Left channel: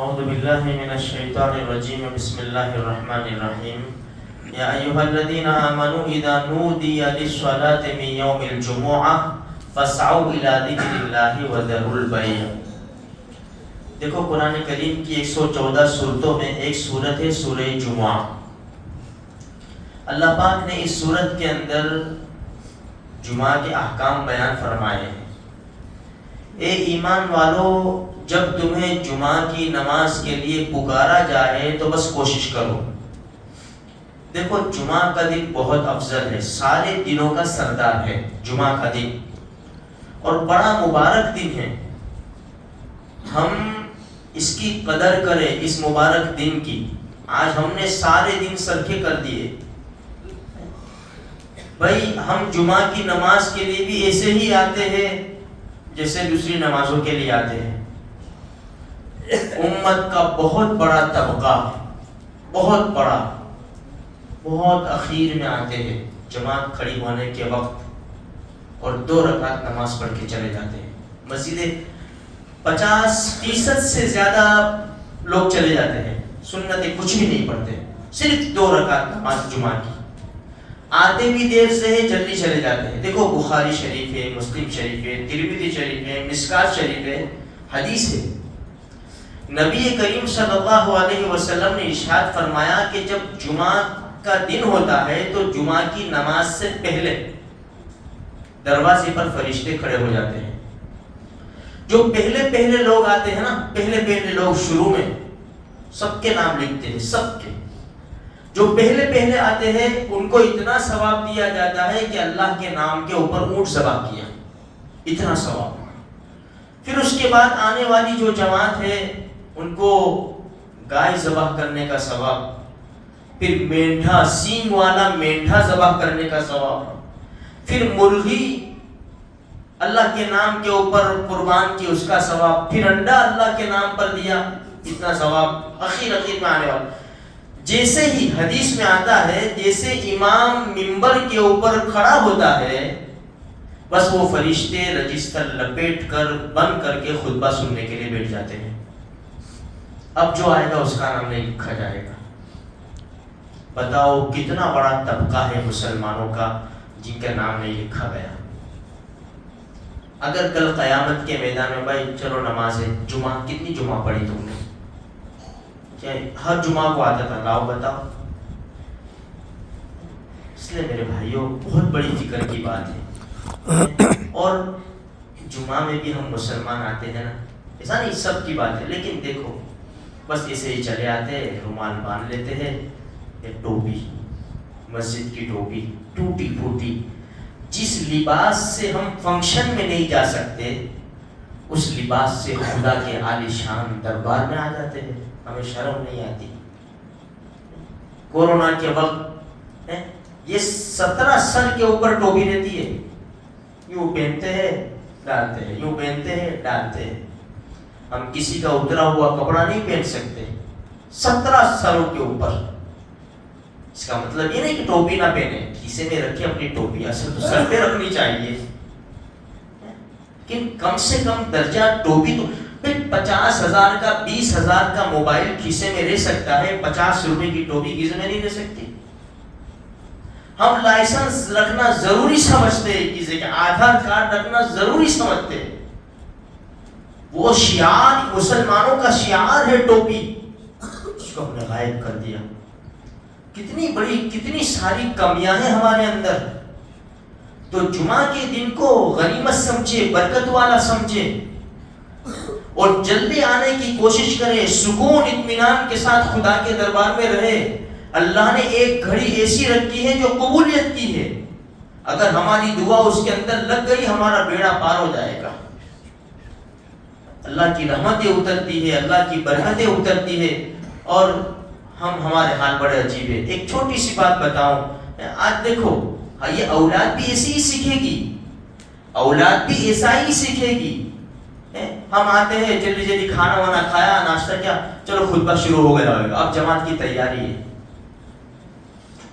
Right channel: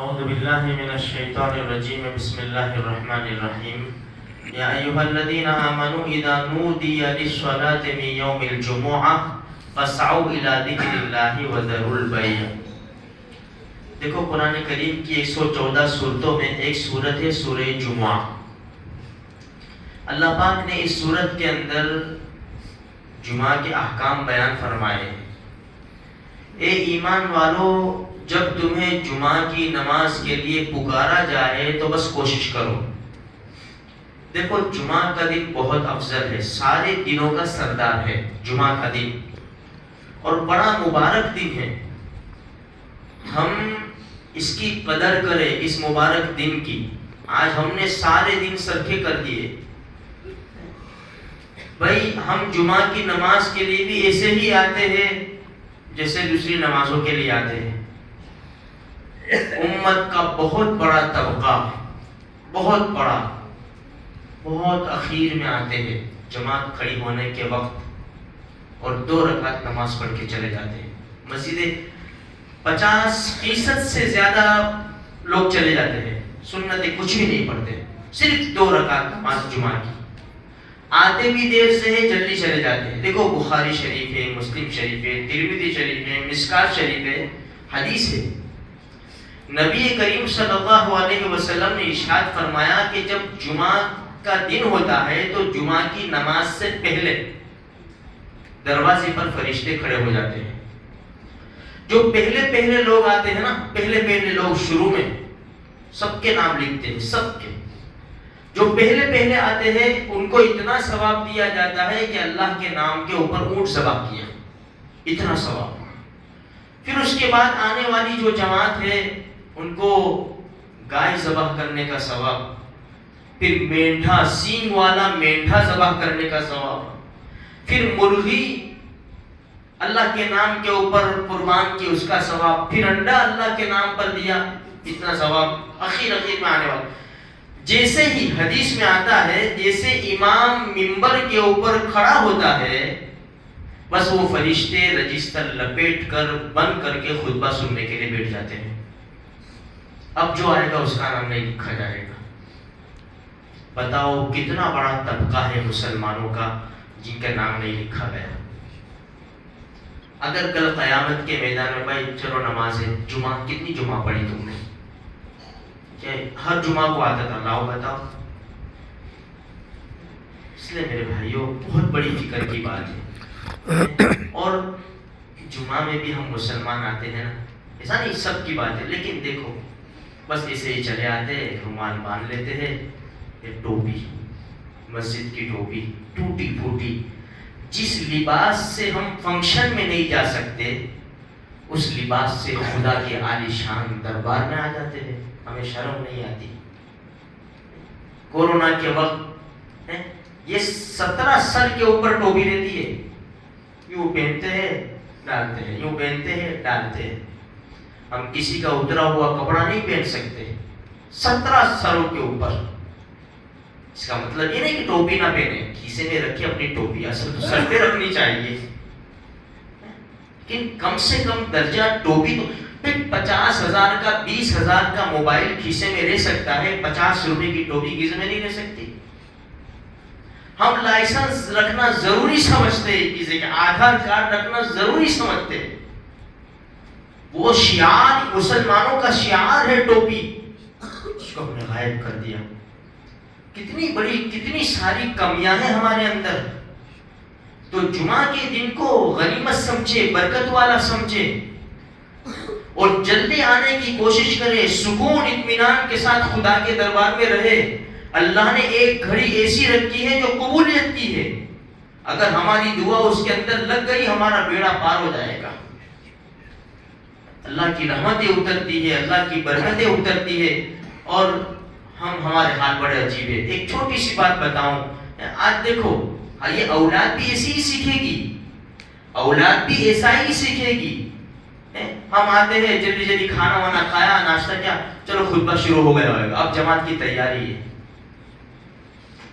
اعوذ باللہ من الشیطان الرجیم بسم اللہ الرحمن الرحیم یا ایہا الذین آمنوا اذا نودی للصلاة من یوم الجمعہ فاسعوا الی ذکر اللہ وذروا البیع۔ دیکھو قرآن کریم کی 114 صورتوں میں ایک صورت ہے سورہ جمعہ۔ اللہ پاک نے اس صورت کے اندر جمعہ کے احکام بیان فرمائے ہیں۔ اے ایمان والو، جب تمہیں جمعہ کی نماز کے لیے پکارا جائے تو بس کوشش کرو۔ دیکھو جمعہ کا دن بہت افضل ہے، سارے دنوں کا سردار ہے جمعہ کا دن، اور بڑا مبارک دن ہے۔ ہم اس کی قدر کریں، اس مبارک دن کی۔ آج ہم نے سارے دن سرخے کر دیے۔ بھائی ہم جمعہ کی نماز کے لیے بھی ایسے ہی آتے ہیں جیسے دوسری نمازوں کے لیے آتے ہیں۔ امت کا بہت بڑا طبقہ، بہت بڑا، بہت اخیر میں آتے ہیں جماعت کھڑی ہونے کے وقت، اور 2 رکعت نماز پڑھ کے چلے جاتے ہیں۔ مسجدیں 50% سے زیادہ لوگ چلے جاتے ہیں، سنتیں کچھ بھی نہیں پڑھتے، صرف 2 رکعت نماز جمعہ کی۔ آتے بھی دیر سے ہے، جلدی چلے جاتے ہیں۔ دیکھو بخاری شریف ہے، مسلم شریف ہے، ترمذی شریف ہے، مشکات شریف ہے، حدیث ہے۔ نبی کریم صلی اللہ علیہ وسلم نے ارشاد فرمایا کہ جب جمعہ کا دن ہوتا ہے تو جمعہ کی نماز سے پہلے دروازے پر فرشتے کھڑے ہو جاتے ہیں۔ جو پہلے لوگ آتے ہیں نا، پہلے لوگ شروع میں سب کے نام لکھتے ہیں، سب کے جو پہلے آتے ہیں ان کو اتنا ثواب دیا جاتا ہے کہ اللہ کے نام کے اوپر اونٹ ذبح کیا، اتنا ثواب۔ پھر اس کے بعد آنے والی جو جماعت ہے ان کو گائے ذبح کرنے کا ثواب، پھر مینڈھا، سینگ والا مینڈھا ذبح کرنے کا ثواب، پھر مرغی اللہ کے نام کے اوپر قربان کی اس کا ثواب، پھر انڈا اللہ کے نام پر دیا، اتنا ثواب۔ اخیر میں آنے والا، جیسے ہی حدیث میں آتا ہے جیسے امام منبر کے اوپر کھڑا ہوتا ہے بس وہ فرشتے رجسٹر لپیٹ کر بند کر کے خطبہ سننے کے لیے بیٹھ جاتے ہیں۔ اب جو آئے گا اس کا نام نہیں لکھا جائے گا۔ بتاؤ کتنا بڑا طبقہ ہے مسلمانوں کا جن کا نام نہیں لکھا گیا۔ اگر کل قیامت کے میدان میں بھائی چلو نماز ہے، جمعہ کتنی جمعہ پڑھی تم نے؟ ہر جمعہ کو آتا تھا، لاؤ بتاؤ۔ اس لیے میرے بھائیوں بہت بڑی فکر کی بات ہے، اور جمعہ میں بھی ہم مسلمان آتے ہیں نا، ایسا نہیں سب کی بات ہے، لیکن دیکھو بس ایسے ہی چلے آتے ہیں، رومال باندھ لیتے ہیں، یہ ٹوپی، مسجد کی ٹوپی ٹوٹی پھوٹی، جس لباس سے ہم فنکشن میں نہیں جا سکتے اس لباس سے خدا کے عالی شان دربار میں آ جاتے ہیں، ہمیں شرم نہیں آتی۔ کورونا کے وقت یہ 17 سر کے اوپر ٹوپی رہتی ہے، یوں پہنتے ہیں ڈالتے ہیں، یوں پہنتے ہیں ڈالتے ہیں۔ ہم کسی کا اترا ہوا کپڑا نہیں پہن سکتے 17 سروں کے اوپر۔ اس کا مطلب یہ نہیں کہ ٹوپی نہ پہنے، کھیسے میں رکھے اپنی ٹوپی، اصل تو سر پہ رکھنی چاہیے، لیکن کم سے کم درجہ ٹوپی تو۔ پھر 50,000 کا 20,000 کا موبائل کھیسے میں رہ سکتا ہے، 50 روپے کی ٹوپی کھیسے میں نہیں رہ سکتی۔ ہم لائسنس رکھنا ضروری سمجھتے ہیں، کسی کے آدھار کارڈ رکھنا ضروری سمجھتے ہیں، وہ شعار مسلمانوں کا شعار ہے ٹوپی، اس کو ہم نے غائب کر دیا۔ کتنی ساری کمیاں ہیں ہمارے اندر۔ تو جمعہ کے دن کو غنیمت سمجھے، برکت والا سمجھے، اور جلدی آنے کی کوشش کرے، سکون اطمینان کے ساتھ خدا کے دربار میں رہے۔ اللہ نے ایک گھڑی ایسی رکھی ہے جو قبولیت کی ہے، اگر ہماری دعا اس کے اندر لگ گئی ہمارا بیڑا پار ہو جائے گا۔ اللہ کی رحمتیں اترتی ہے، اللہ کی برکتیں اترتی ہے، اور ہمارے حال بڑے عجیب ہے۔ ایک چھوٹی سی بات بتاؤں، آج دیکھو یہ اولاد بھی ایسی ہی سیکھے گی، اولاد بھی ایسا ہی سیکھے گی۔ ہم آتے ہیں جلدی کھانا وانا کھایا، ناشتہ کیا، چلو خطبہ شروع ہو گیا ہوگا، اب جماعت کی تیاری ہے،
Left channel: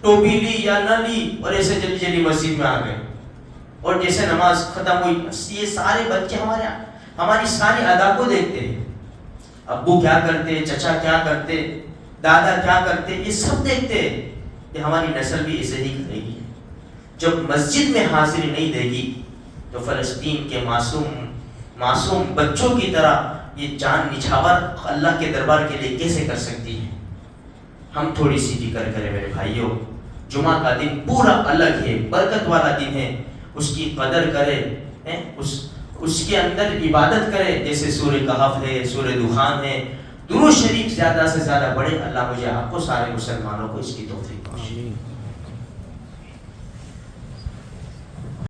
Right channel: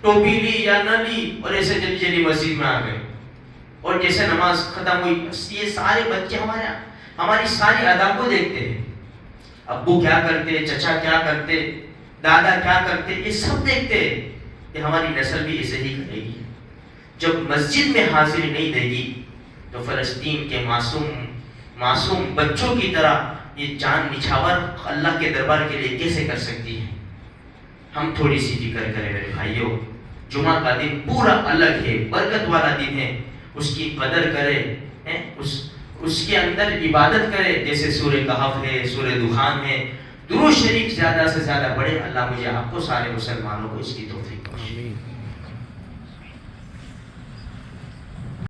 ٹوپی لی یا نہ لی، اور ایسے جلدی مسجد میں آ گئے، اور جیسے نماز ختم ہوئی، یہ سارے بچے ہماری ساری ادا کو دیکھتے ہیں۔ ابو کیا کرتے, چچا کیا کرتے, دادا کیا کرتے, یہ سب دیکھتے کہ ہماری نسل بھی اسے ہی کرے گی. جب مسجد میں حاضری نہیں دے گی تو فلسطین کے معصوم بچوں کی طرح یہ جان نچھاور اللہ کے دربار کے لیے کیسے کر سکتی ہے؟ ہم تھوڑی سی فکر کریں میرے بھائیوں. جمعہ کا دن پورا الگ ہے, برکت والا دن ہے, اس کی قدر کرے, اس کے اندر عبادت کرے, جیسے سورہ کہف ہے, سورہ دخان ہے. درود شریف زیادہ سے زیادہ پڑھے. اللہ مجھے آپ کو سارے مسلمانوں کو اس کی توفیق بخشے.